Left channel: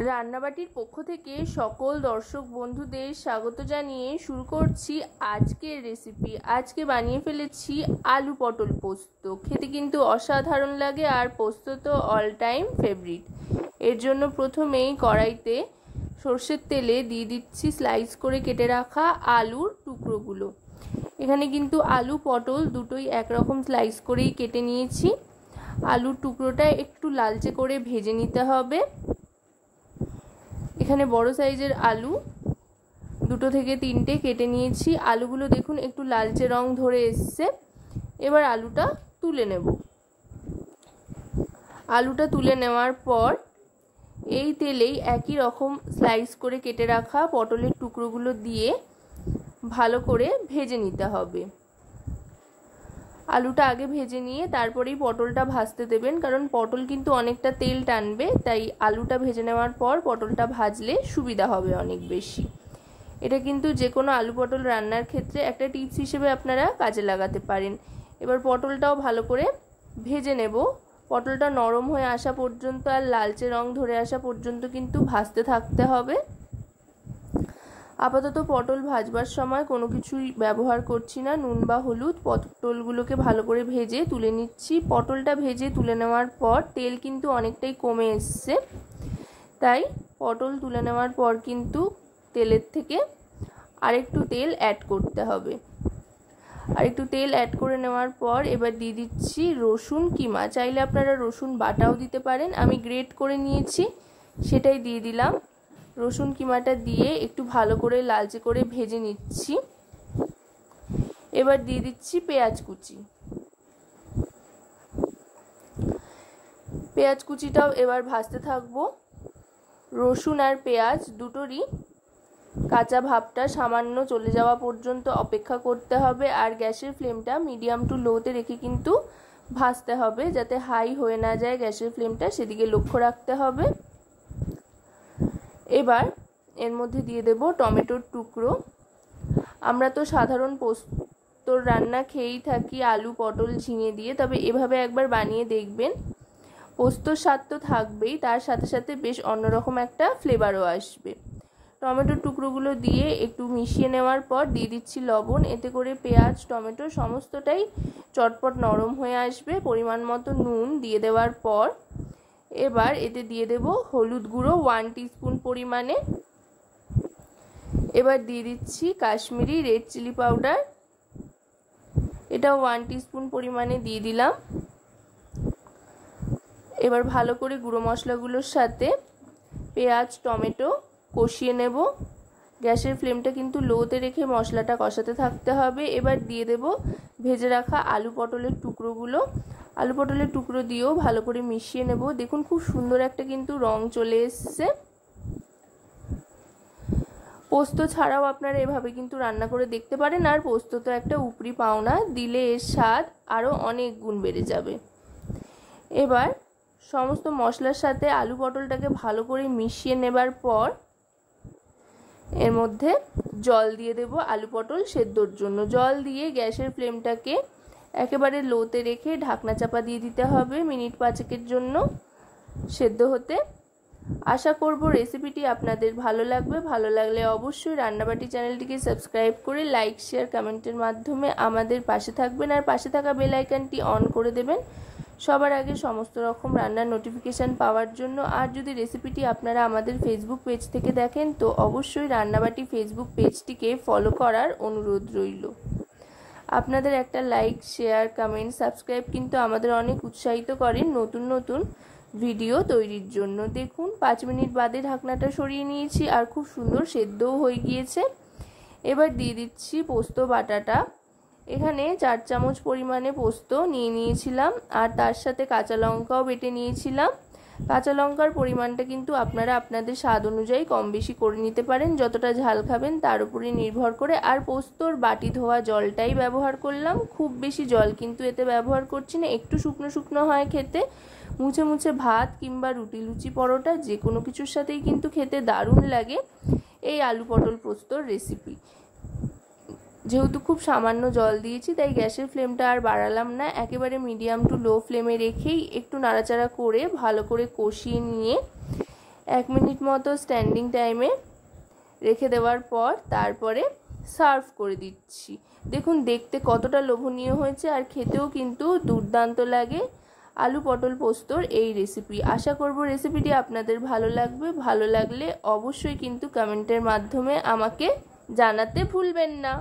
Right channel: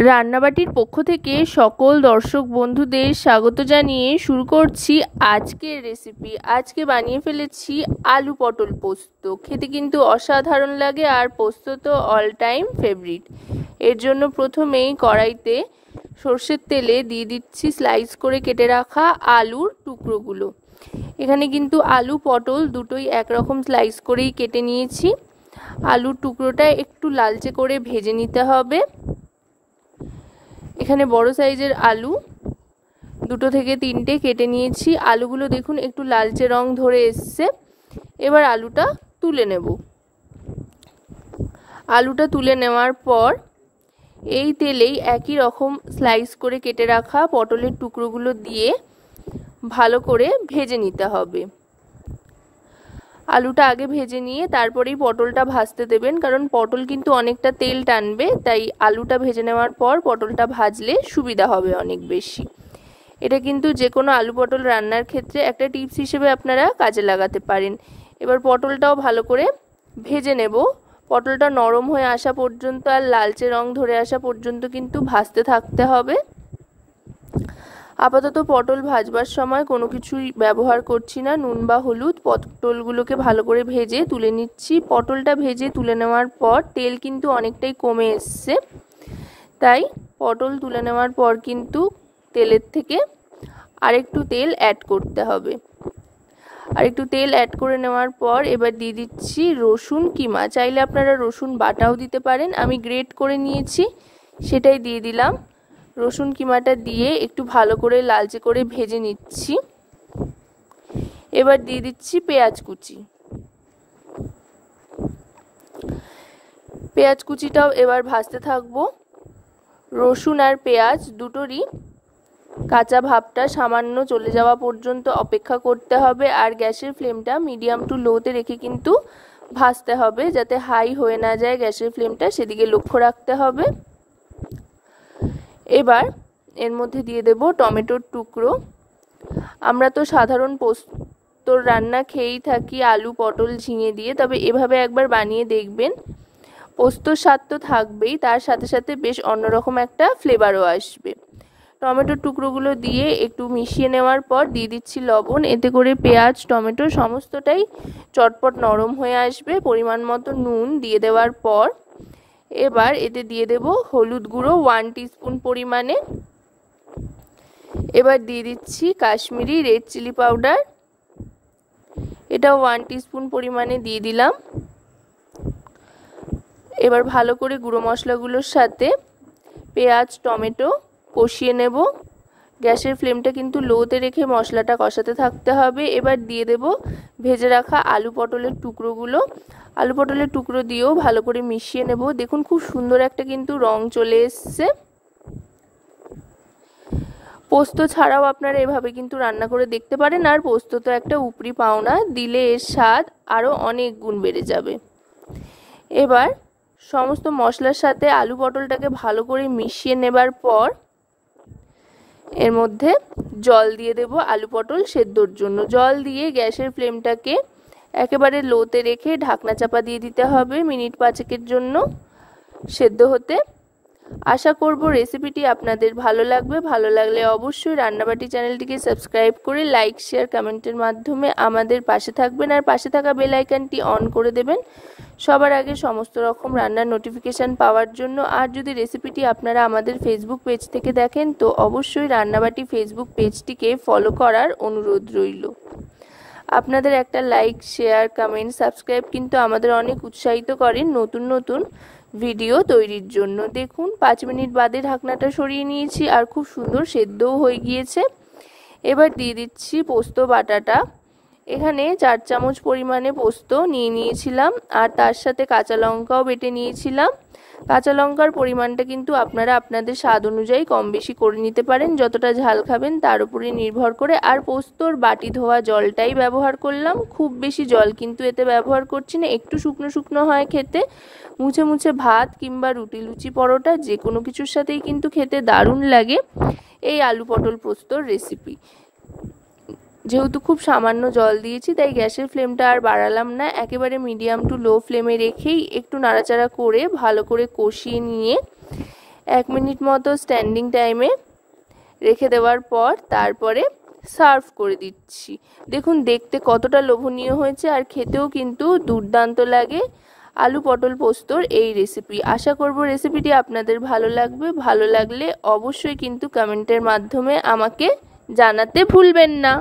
রান্নাবাটির পক্ষ থেকে সকল দর্শক বন্ধুদের স্বাগত জানিয়ে শুরু করছি আজকের রেসিপি। আজকে বানিয়ে ফেলেছি আলু পটল পোস্ত। খেতে কিন্তু অসাধারণ লাগে, আর পোস্ত তো অল টাইম ফেভারিট। এর জন্য প্রথমেই কড়াইতে সর্ষের তেলে দিয়ে দিচ্ছি স্লাইস করে কেটে রাখা আলুর টুকরোগুলো। এখানে কিন্তু আলু পটল দুটোই একরকম স্লাইস করেই কেটে নিয়েছি। আলুর টুকরোটা একটু লালচে করে ভেজে নিতে হবে। এখানে বড় সাইজের আলু দুটো থেকে তিনটে কেটে নিয়েছি। আলুগুলো দেখুন একটু লালচে রং ধরে এসছে। এবার আলুটা তুলে নেব। আলুটা তুলে নেওয়ার পর এই তেলেই একই রকম স্লাইস করে কেটে রাখা পটলের টুকরোগুলো দিয়ে ভালো করে ভেজে নিতে হবে। আলুটা আগে ভেজে নিয়ে তারপরেই পটলটা ভাজতে দেবেন, কারণ পটল কিন্তু অনেকটা তেল টানবে, তাই আলুটা ভেজে নেওয়ার পর পটলটা ভাজলে সুবিধা হবে অনেক বেশি। এটা কিন্তু যে কোনো আলু পটল রান্নার ক্ষেত্রে একটা টিপস হিসেবে আপনারা কাজে লাগাতে পারেন। এবার পটলটাও ভালো করে ভেজে নেব। পটলটা নরম হয়ে আসা পর্যন্ত আর লালচে রং ধরে আসা পর্যন্ত কিন্তু ভাজতে থাকতে হবে। আপাতত পটল ভাজবার সময় কোনো কিছুই ব্যবহার করছি না, নুন বা হলুদ। পটলগুলোকে ভালো করে ভেজে তুলে নিচ্ছি। পটলটা ভেজে তুলে নেওয়ার পর তেল কিন্তু অনেকটাই কমে এসছে, তাই পটল তুলে নেওয়ার পর কিন্তু তেলের থেকে আরেকটু তেল অ্যাড করতে হবে। আর একটু তেল অ্যাড করে নেওয়ার পর এবার দিয়ে দিচ্ছি রসুন কিমা। চাইলে আপনারা রসুন বাটাও দিতে পারেন, আমি গ্রেট করে নিয়েছি সেটাই দিয়ে দিলাম। রসুন কিমাটা দিয়ে একটু ভালো করে লালচে করে ভেজে নিচ্ছি। এবার দিয়ে দিচ্ছি পেঁয়াজ কুচি। পেঁয়াজ কুচিটাও এবার ভাজতে থাকবো। রসুন আর পেঁয়াজ দুটোরই কাঁচা ভাবটা সামান্য চলে যাওয়া পর্যন্ত অপেক্ষা করতে হবে। আর গ্যাসের ফ্লেমটা মিডিয়াম টু লোতে রেখে কিন্তু ভাজতে হবে, যাতে হাই হয়ে না যায় গ্যাসের ফ্লেমটা, সেদিকে লক্ষ্য রাখতে হবে। এবার এর মধ্যে দিয়ে দেব টমেটোর টুকরো। আমরা তো সাধারণ পোস্তর রান্না খেয়েই থাকি আলু পটল ঝিঙে দিয়ে, তবে এভাবে একবার বানিয়ে দেখবেন। পোস্তর স্বাদ তো থাকবেই, তার সাথে সাথে বেশ অন্যরকম একটা ফ্লেভারও আসবে। টমেটোর টুকরোগুলো দিয়ে একটু মিশিয়ে নেওয়ার পর দিয়ে দিচ্ছি লবণ। এতে করে পেঁয়াজ টমেটো সমস্তটাই চটপট নরম হয়ে আসবে। পরিমাণ মতো নুন দিয়ে দেওয়ার পর এবার এতে দিয়ে দেব হলুদ গুঁড়ো 1 টিস্পুন পরিমাণে। এবার দিয়ে দিচ্ছি কাশ্মীরি রেড চিলি পাউডার, এটাও 1 টিস্পুন পরিমাণে দিয়ে দিলাম। এবার ভালো করে গুঁড়ো মশলাগুলোর সাথে পেঁয়াজ টমেটো কষিয়ে নেব। গ্যাসের ফ্লেমটা কিন্তু লোতে রেখে মশলাটা কষাতে থাকতে হবে। এবার দিয়ে দেব ভেজে রাখা আলু পটলের টুকরোগুলো। আলু পটলের টুকরো দিয়েও ভালো করে মিশিয়ে নেব। দেখুন খুব সুন্দর একটা কিন্তু রং চলে এসছে। পোস্ত ছাড়াও আপনারা এভাবে কিন্তু রান্না করে দেখতে পারেন। আর পোস্ত তো একটা উপরি পাওনা, দিলে এর স্বাদ আরও অনেক গুণ বেড়ে যাবে। এবার সমস্ত মশলার সাথে আলু পটলটাকে ভালো করে মিশিয়ে নেবার পর এর মধ্যে জল দিয়ে দেব আলু পটল সেদ্ধর জন্য। জল দিয়ে গ্যাসের ফ্লেমটাকে একেবারে লোতে রেখে ঢাকনা চাপা দিয়ে দিতে হবে মিনিট 5 জন্য সেদ্ধ হতে। আশা করব রেসিপিটি আপনাদের ভালো লাগবে। ভালো লাগলে অবশ্যই রান্নাবাটি চ্যানেলটিকে সাবস্ক্রাইব করে লাইক শেয়ার কমেন্টের মাধ্যমে আমাদের পাশে থাকবেন, আর পাশে থাকা বেল আইকনটি অন করে দেবেন সবার আগে সমস্ত রকম রান্নার নোটিফিকেশান পাওয়ার জন্য। আর যদি রেসিপিটি আপনারা আমাদের ফেসবুক পেজ থেকে দেখেন তো অবশ্যই রান্নাবাটি ফেসবুক পেজটিকে ফলো করার অনুরোধ রইল। আপনাদের একটা লাইক শেয়ার কমেন্ট সাবস্ক্রাইব কিন্তু আমাদের অনেক উৎসাহিত করেন নতুন নতুন ভিডিও তৈরির জন্য। দেখুন 5 মিনিট বাদে ঢাকনাটা সরিয়ে নিয়েছি আর খুব সুন্দর সেদ্ধও হয়ে গিয়েছে। এবার দিয়ে দিচ্ছি পোস্ত বাটাটা। এখানে 4 চামচ পরিমাণে পোস্ত নিয়ে নিয়েছিলাম, আর তার সাথে কাঁচা লঙ্কাও বেটে নিয়েছিলাম। কাঁচা লঙ্কার পরিমাণটা কিন্তু আপনারা আপনাদের স্বাদ অনুযায়ী কম বেশি করে নিতে পারেন, যতটা ঝাল খাবেন তার উপরে নির্ভর করে। আর পোস্তর বাটি ধোয়া জলটাই ব্যবহার করলাম, খুব বেশি জল কিন্তু এতে ব্যবহার করছি না। একটু শুকনো শুকনো হয় খেতে, মুছে মুছে ভাত কিংবা রুটি লুচি পরোটা যে কোনো কিছুর সাথেই কিন্তু খেতে দারুণ লাগে এই আলু পটল পোস্তর রেসিপি। যেহেতু খুব সামান্য জল দিয়েছি তাই গ্যাসের ফ্লেমটা আর বাড়ালাম না, একেবারে মিডিয়াম টু লো ফ্লেমে রেখেই একটু নাড়াচাড়া করে ভালো করে কষিয়ে নিয়ে 1 মিনিট মতো স্ট্যান্ডিং টাইমে রেখে দেওয়ার পর তারপরে সার্ভ করে দিচ্ছি। দেখুন দেখতে কতটা লোভনীয় হয়েছে, আর খেতেও কিন্তু দুর্দান্ত লাগে আলু পটল পোস্তর এই রেসিপি। আশা করব রেসিপিটি আপনাদের ভালো লাগবে। ভালো লাগলে অবশ্যই কিন্তু কমেন্টের মাধ্যমে আমাকে জানাতে ভুলবেন না।